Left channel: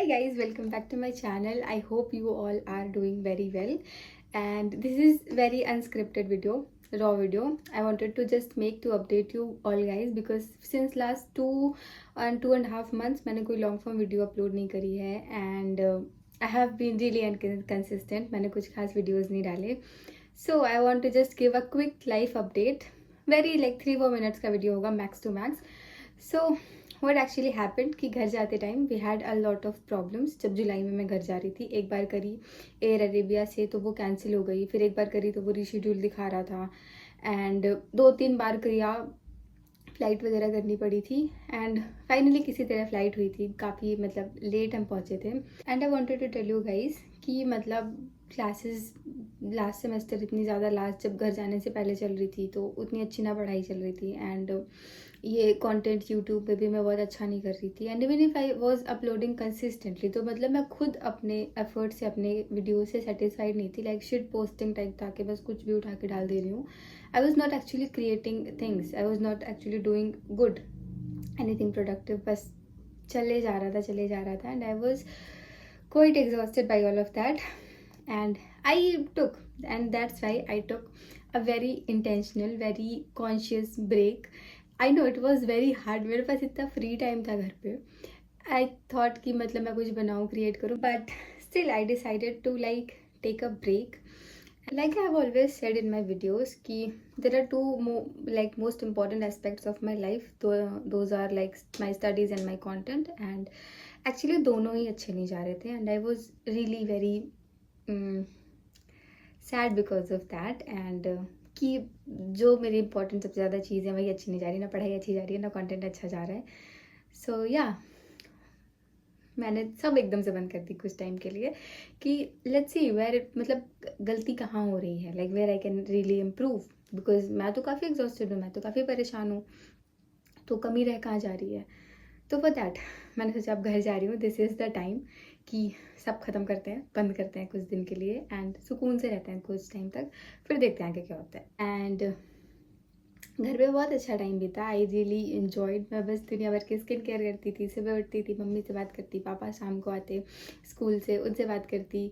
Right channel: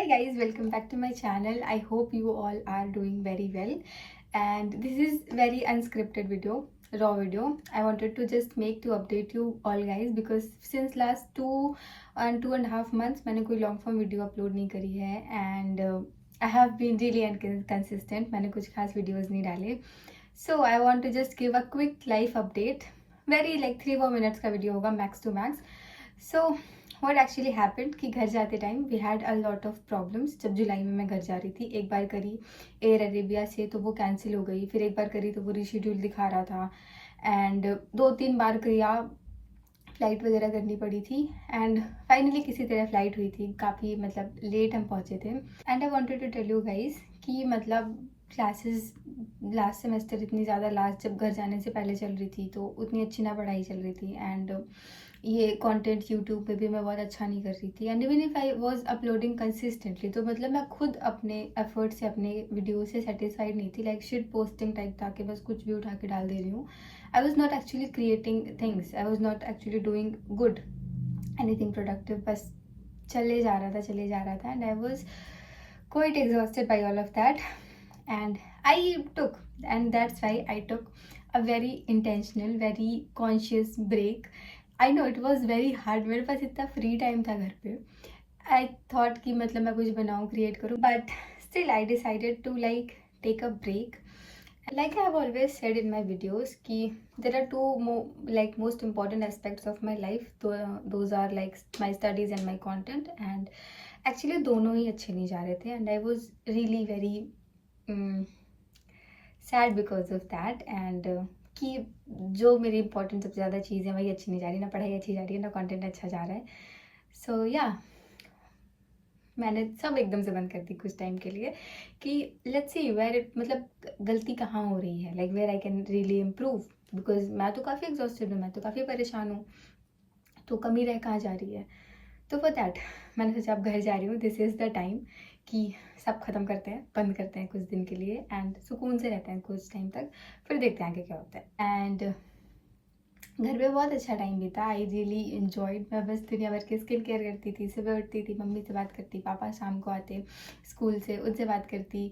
Hi guys, welcome back to my channel. I hope you all are doing very well. And this is very unscripted video, raw video. I wanted to just make to update you all guys because since last 2.5 months मैंने कोई long form video upload नहीं करी है and I have been really inconsistent. मैंने कुछ खास videos नहीं डाले. So I want to just give a quick life update. Very like 3-4 minutes का video होगा max to max. So what actually happened कि घर जाते time we had a lot of problems. जब जुलाई में मैं घर जा रही थी, एक बार करी एयर अरेबिया से तो वो कैंसिल हो गई, फिर एक बार करी तो वो रीशेड्यूल दिखा रहा था एंड 2-3 बार किया, फ़्लाइट वगैरह करनी पड़ी थी एंड फाइनली किसी तरह फ़्लाइट हुई थी. काफ़ी मतलब लेट हम पहुँचे थे and I wanted to tell you guys कि मतलब क्लासेस लास्ट सेमेस्टर इतनी ज़्यादा लास्ट जब घर जाने से पहले चल रही थी तो उतनी अच्छी ना पढ़ाई चल रही थी एंड ये कंटेंट यूट्यूब पे भी मैं बहुत अच्छा नहीं कर रही थी and even if I was uploading consistently तो मतलब मैं खुद अपने एफर्ट से अपने वीडियो से सेटिस्फाइड नहीं थी. लाइक शिट पोस्टिंग टाइप था कि बस कुछ भी उठा के डाल दे रही हूँ. I was not actually creating things, I was not actually doing good anything productive. बस चले जा रहा था and I was quite exhausted by all of that and I took and that's why I took a very intentional, very conscious break. I know it was very hard. मेरे पास इतना free time था घर पे. I thought कि मतलब मैं कुछ बनाऊँ, क्रिएट करूँ, but still I decided to like take a break. Like I have always said in my videos कि there are two like most important aspects of my life. Those are like my studies and my content and actually दोनों ही अच्छे नहीं जा रहे थे and I was really very sad because of that and कि जो मेरी इंपॉर्टेंट सबसे ज़्यादा चीज़ है वही अच्छी नहीं जा रही, ना पढ़ाई अच्छी जा रही है ना कंटेंट अच्छा जा रहा है. सो या मैंने सब एकदम से बंद कर दी कुछ टाइम के लिए कि लेट्स सी वेयर मतलब गलती कहाँ हो रही है, like where I can really improve because मैं तो काफ़ी एग्जॉस्टेड हूँ, मैं तो काफ़ी परेशान हूँ, तो कमी रह कहाँ जा रही है. तो फॉर दैट मैंने सोचा अब घर जा रही हूँ, दिस इज़ द टाइम कि सब ख़त्म करते हैं, बंद करते हैं कुछ दिन के लिए एंड सुकून से रहते हैं कुछ टाइम तक, फिर देखते हैं आगे क्या होता है. एंड घर पे बहुत अच्छा टाइम बीता. I really enjoyed. मैं बस दुनिया भर की स्किन केयर करती थी, सुबह उठती थी, मम्मी से बात करती, पापा शाम को आते स्कूल से, उनसे बात करती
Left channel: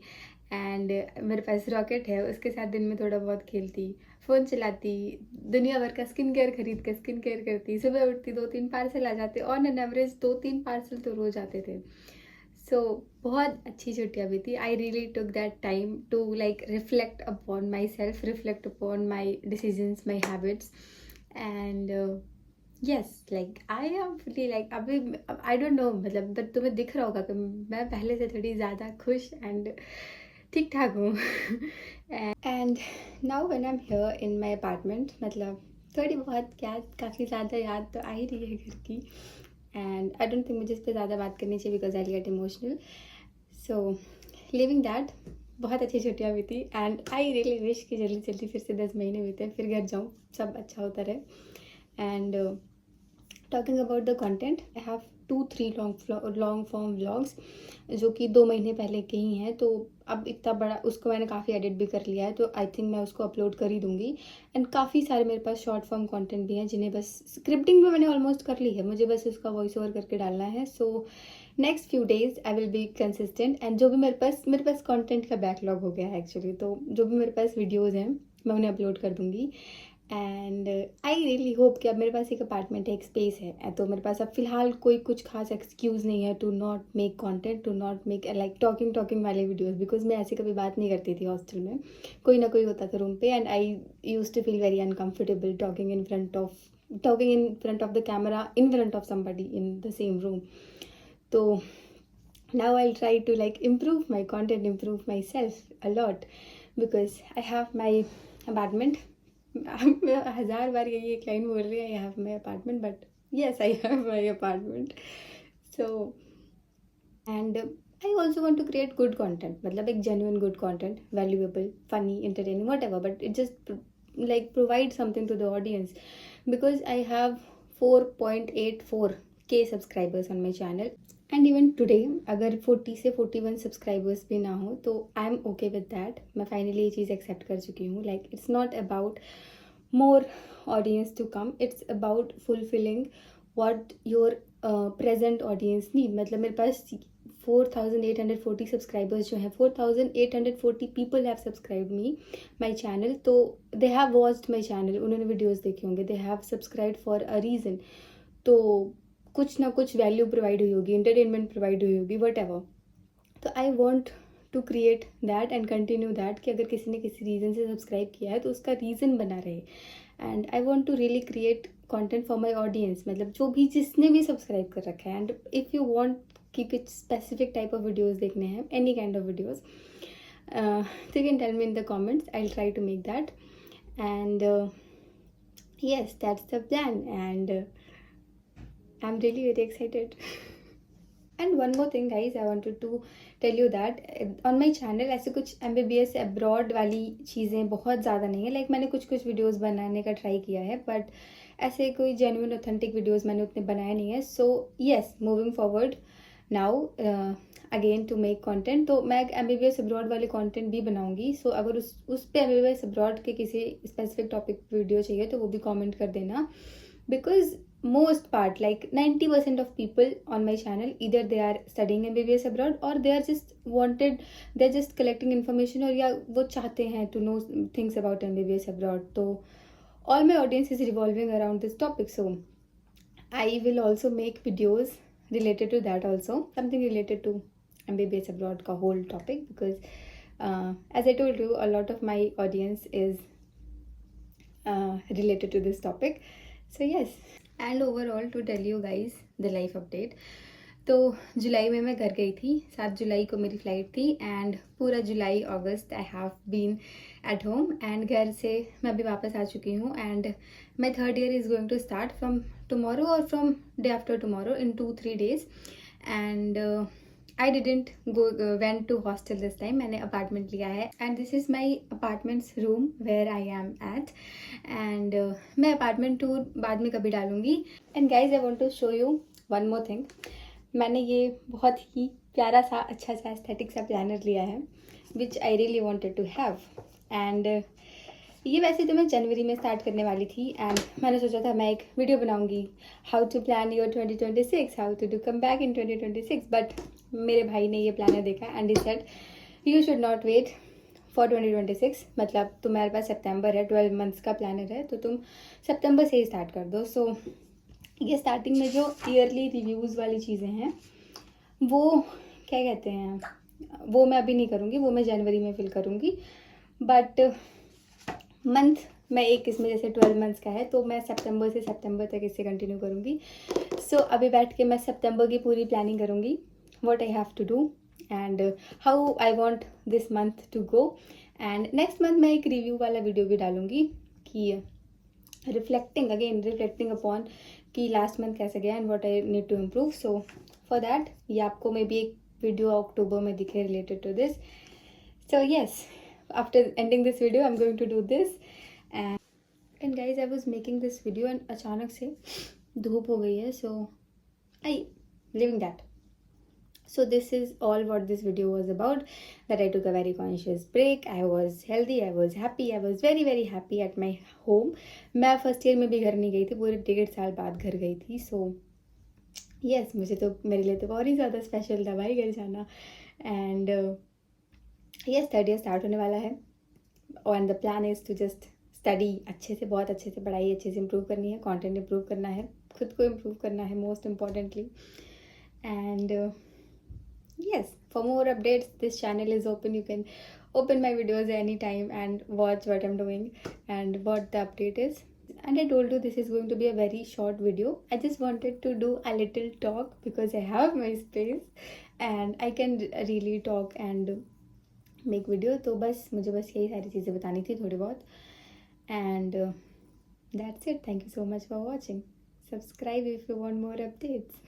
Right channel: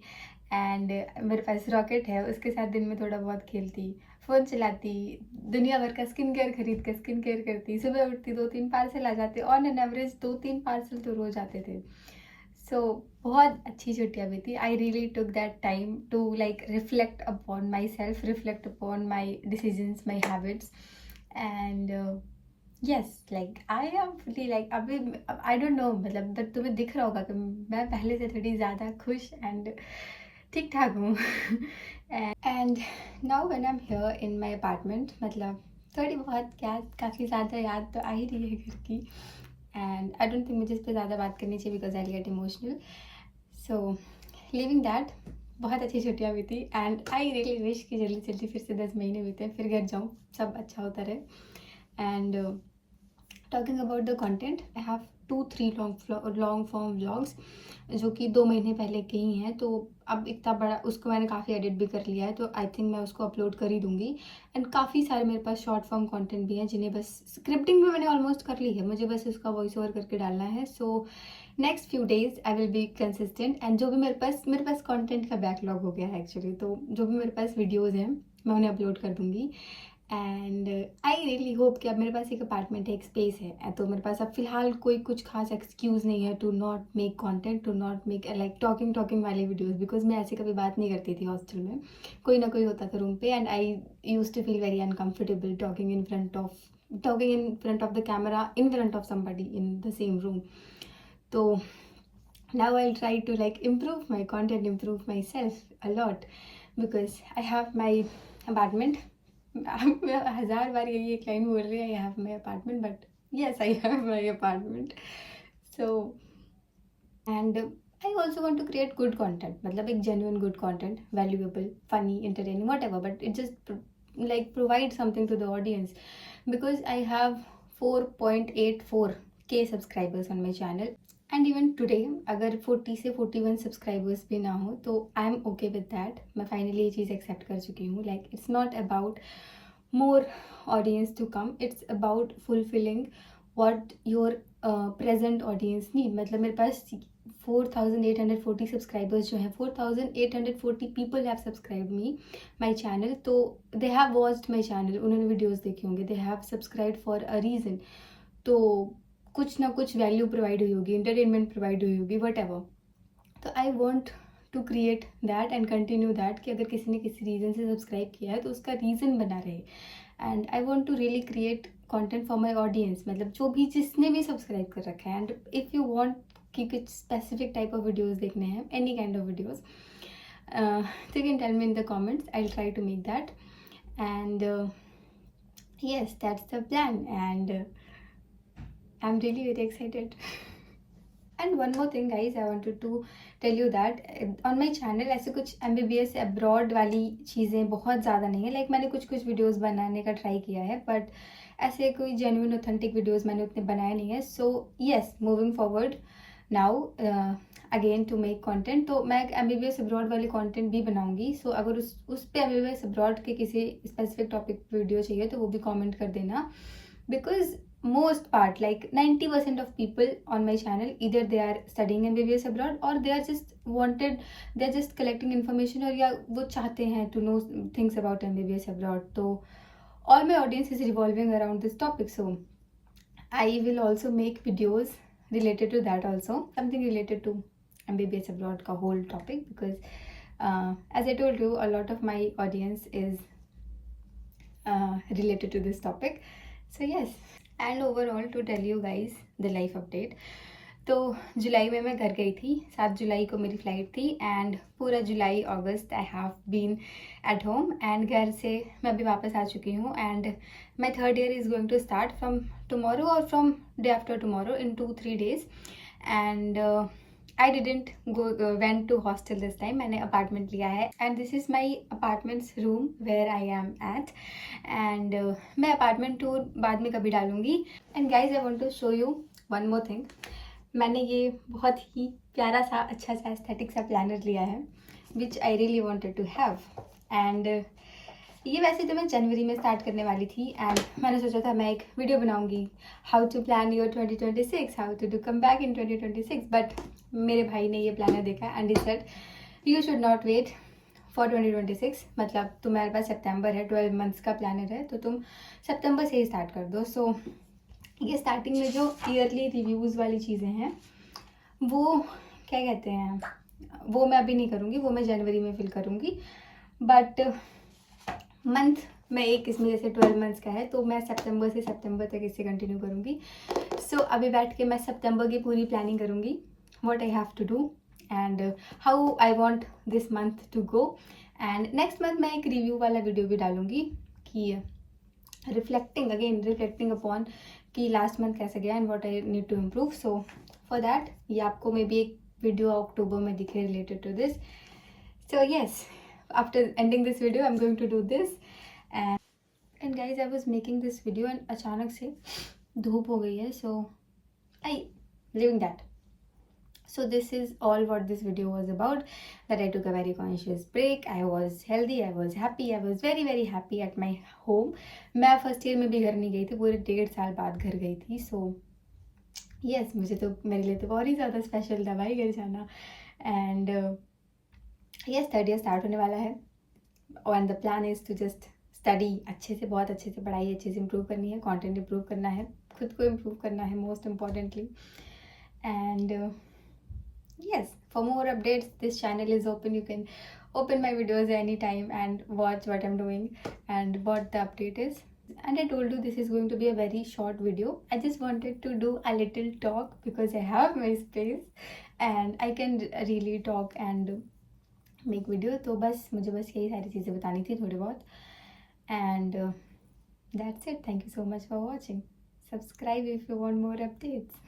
एंड मेरे पास रॉकेट है उसके साथ दिन में थोड़ा बहुत खेलती, फ़ोन चलाती, दुनिया भर का स्किन केयर खरीद के स्किन केयर करती, सुबह उठती 2-3 पार्सल आ जाते, ऑन एन एवरेज 2-3 पार्सल तो रोज़ आते थे. सो बहुत अच्छी छुट्टियाँ भी थी. I really took that time to like reflect upon myself, reflect upon my decisions, my habits and yes like I am fully like अभी आई डोंट नो मतलब बट तुम्हें दिख रहा होगा कि मैं पहले से थोड़ी ज़्यादा खुश एंड ठीक ठाक हूँ. And now when I am here in my apartment मतलब थोड़ी बहुत क्या काफ़ी ज़्यादा याद तो आ ही रही है घर की एंड आई डोंट थिंक मुझे इस पर ज़्यादा बात करनी चाहिए because I get emotional. So living that बहुत अच्छी छुट्टियाँ भी थी एंड आई रियली विश कि जल्दी जल्दी फिर से 10 महीने बीते, फिर घर जाऊँ, सब अच्छा होता रहे. And talking about the content, I have 2-3 long form vlogs जो कि 2 महीने पहले के ही हैं, तो अब इतना बड़ा उसको मैंने काफ़ी एडिट भी कर लिया है, तो आई थिंक मैं उसको अपलोड कर ही दूँगी. एंड काफ़ी सारे मेरे पास शॉर्ट फॉर्म कंटेंट भी हैं जिन्हें बस स्क्रिप्टिंग भी मैंने ऑलमोस्ट कर ली है, मुझे बस इसका वॉइस ओवर करके डालना है. So next few days I will be consistent and जो भी मेरे पास कंटेंट का बैकलॉग हो गया है एक्चुअली, तो जो भी मेरे पास वीडियोज़ हैं मैं उन्हें अपलोड कर दूँगी. एंड आई रियली होप कि अब मेरे पास एक अपार्टमेंट है, एक स्पेस है, तो मेरे पास अब फिलहाल कोई कुछ खास एक्सक्यूज़ नहीं है to not make content, to not make like talking वाले वीडियोस बिकॉज मैं ऐसे कभी बात नहीं करती थी हॉस्टल में. कोई ना कोई होता था रूम पे and I use to feel very uncomfortable talking in front of the camera in front of somebody in the same room. तो now I'll try to like improve my content, improve myself a lot because I have my apartment. मैं 1000 बार यही एक line बोल रही है, I have my apartment, but yes I have my apartment. So and I also want to create good content, मतलब एक genuine good content, valuable, funny, entertaining, whatever, but it just like provide something to the audience because I have 4.84k subscribers on my channel and even today अगर 40 से 41 subscribers भी ना हो तो I am okay with that. मैं finally ये चीज़ accept कर चुकी हूँ. Like it's not about more audience to come, it's about fulfilling what your present audience need. मतलब मेरे पास 4840 सब्सक्राइबर्स जो हैं, 4840 people have subscribe me my channel. तो they have watched my channel, उन्होंने वीडियोज़ देखे होंगे, they have subscribe for a reason. तो कुछ ना कुछ वैल्यू प्रोवाइड हुई होगी, इंटरटेनमेंट प्रोवाइड हुई होगी, वट एवर. तो I want to create that and continue that कि अगर किसी ने किसी रीज़न से सब्सक्राइब किया है तो उसका रीज़न बना रहे. And I want to really create content for my audience, मतलब जो भी जिसने भी सब्सक्राइब कर रखा है. एंड इफ़ यू वॉन्ट कि कुछ स्पेसिफिक टाइप ऑफ वीडियोज़ देखने हैं, any kind of videos, you can tell me in the comments. I'll try to make that. And yes, that's the plan. And I'm really very excited. And one more thing guys, I wanted to tell you that on my channel ऐसे कुछ MBBS abroad वाली चीज़ें बहुत ज़्यादा नहीं है. Like मैंने कुछ वीडियोज़ बनाने का ट्राई किया है, बट ऐसे कोई जेन्युइन ऑथेंटिक वीडियोज़ मैंने उतने बनाए नहीं है. So yes, moving forward now again to make content. तो मैं MBBS अब्रॉड वाले कंटेंट भी बनाऊंगी. सो अगर उस पे MBBS अब्रॉड के किसी स्पेसिफिक टॉपिक वीडियो चाहिए तो वो भी कमेंट कर देना. Because most part, like 90% of people on my channel, either they are studying MBBS abroad or they are just they're just collecting information, और या वो चाहते हैं to know things about MBBS abroad. तो all my audience is revolving around this topic. So I will also make videos related to that also, something related to MBBS abroad का whole topic, because as I told you, a lot of my audience is related to this topic. So yes, and overall to tell you guys the life update. तो जुलाई में मैं घर गई थी, 7 जुलाई को मेरी फ़्लाइट थी. एंड पूरा जुलाई अगस्त I have been at home. And घर से मैं अभी वापस आ चुकी हूँ. And my third year is going to start from tomorrow और from day after tomorrow in 2-3 days. And I didn't went to hostel this time. मैंने अपार्टमेंट लिया है. and this is my apartment's room where I am at. and मैं apartment tour बाद में कभी डालूंगी. and guys, I want to show you one more thing. मैंने ये बहुत ही प्यारा सा अच्छा सा एस्थेटिक सा प्लानर लिया है which I really wanted to have. and ये वैसे तो मैं जनवरी में स्टार्ट करने वाली थी. एंड मैंने सोचा था मैं एक वीडियो बनाऊंगी, how to plan your 2026, how to do come back in 2026. But मेरे भाई ने ये प्लानर देखा and he said you should not wait for 2026. मतलब तुम्हारे पास सितंबर है, 12 months का प्लानर है, तो तुम सितंबर से ही स्टार्ट कर दो. सो ये स्टार्टिंग में जो ईयरली रिव्यूज़ वाली चीज़ें हैं वो क्या कहते हैं, वो मैं अभी नहीं करूँगी, वो मैं जनवरी में फिल करूँगी. बट मंथ मैं एक इसमें जैसे 12 months का है तो मैं सितंबर से सितंबर तक इसे कंटिन्यू करूँगी. सो अभी बैठ के मैं सितंबर की पूरी प्लानिंग करूँगी, what I have to do and how I want this month to go. And next month मैं एक रिव्यू वाला वीडियो भी डालूँगी कि रिफ्लेक्टिंग अपॉन कि लास्ट मंथ कैसा गया and what I need to improve. So for that ये आपको मे बी एक वीडियो अक्टूबर में दिखे related to this. So yes, after ending this video I'm going to do this. and guys, I was making this video and अचानक से धूप हो गई है. so I living that. So this is all what this video was about, that I took a very conscious break. I was healthy, I was happy, I was very very happy at my home. मैं first year में भी घर नहीं गई थी, पूरे 1.5 साल बाद घर गई थी. so yes, मुझे तो मेरे लिए तो बहुत ही ज़्यादा स्पेशल था भाई घर जाना. And yes, third year start होने वाला है and the plan is to just study अच्छे से, बहुत अच्छे से पढ़ाई अच्छे से इम्प्रूव करनी है, कंटेंट इम्प्रूव करना है, खुद को इम्प्रूव करना है most importantly. And yes, for more updates this channel is open. You can open my videos anytime and watch what I'm doing and what the update is. And I told you this is going to be a very short video. I just wanted to do a little talk because I have my space and I can really talk and make video. तो बस मुझे बस यही सारी चीज़ें बतानी थी थोड़ी बहुत. And that's it. Thank you so much for watching. Subscribe if you want more updates.